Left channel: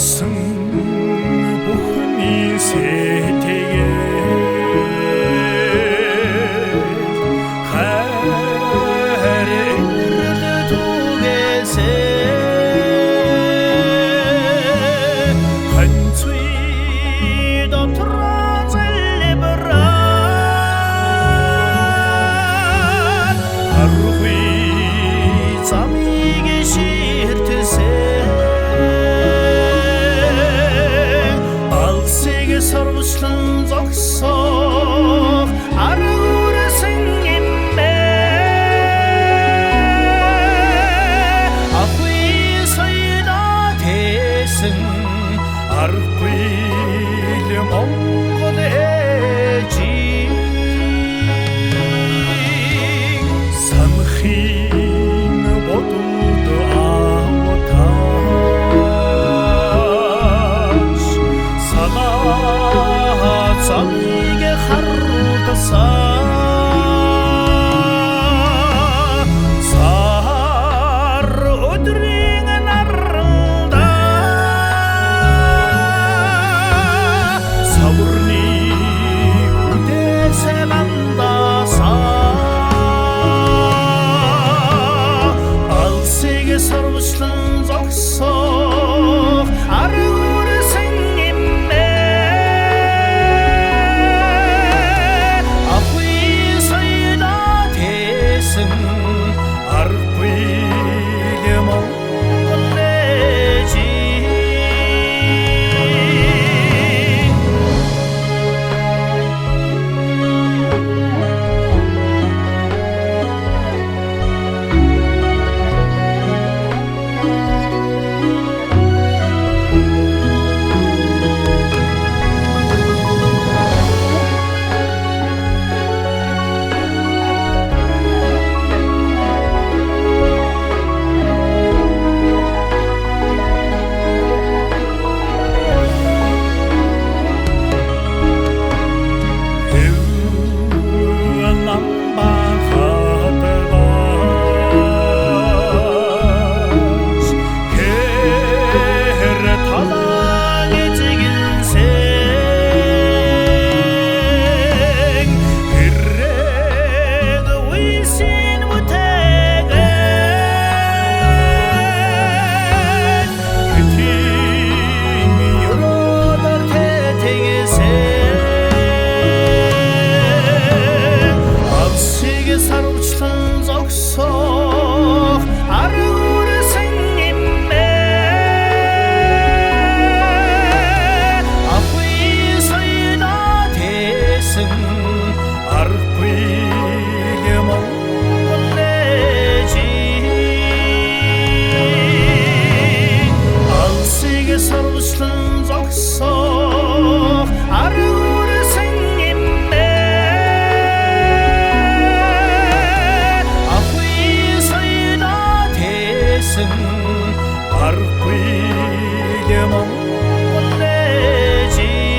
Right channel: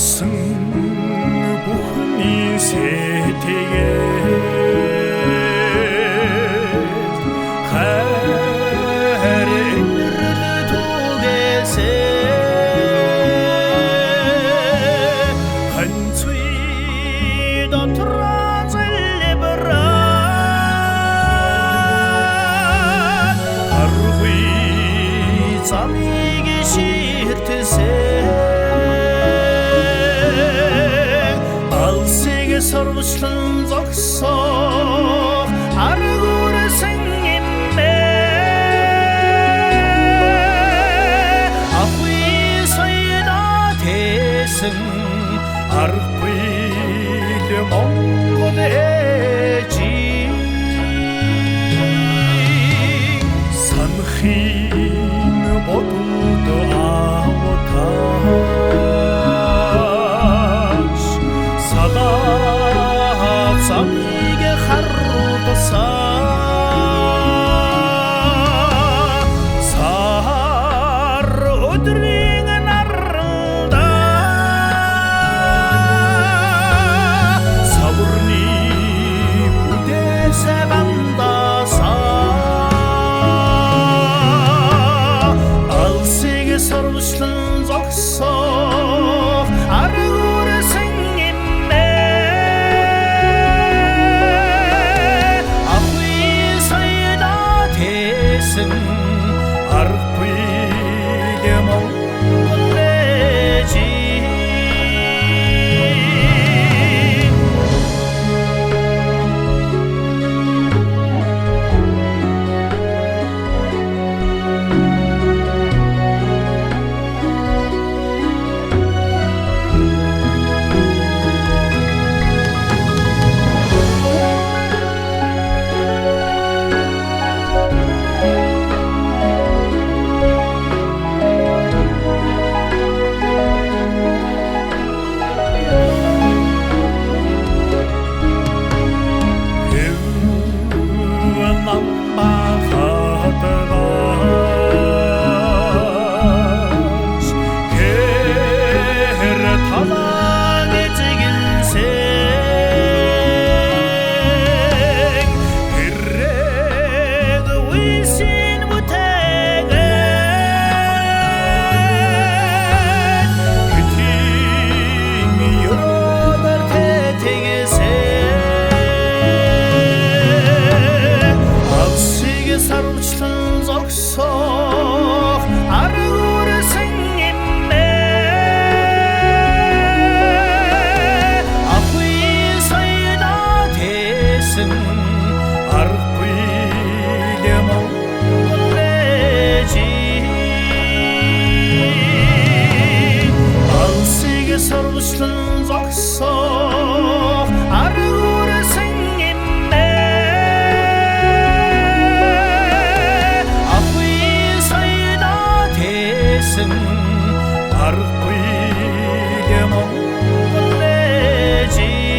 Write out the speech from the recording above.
болсон бүхний сэтгээд хайр инрэл түгээсээ ханцуй дотроо залбираад харгүй замыг ширтсээ алсыг сарвчлан зогсоо аргуурсан иммэ ахуй сайда тэсэн аргүй л Монгол ээжи санахын бодолд автаач салаа замыг харуудасаа сар өдрийн наранда саврны үдээсэ бандасаа алсыг сарвчлан зогсоо аргуурсан иммэ ахуй сайда тэсэн аргүй л Монгол ээжи 남바하다가지 해를 타당해 지긴 생 그래도 위신 못해가 그팀 여러 달 태택에세 사로치던 적석 아르고르생 임매 아후이 서이다 대승 아르구이 몽골레지 알시게 사로치던 적석 아르고르생 대승 아르구이 몽골레지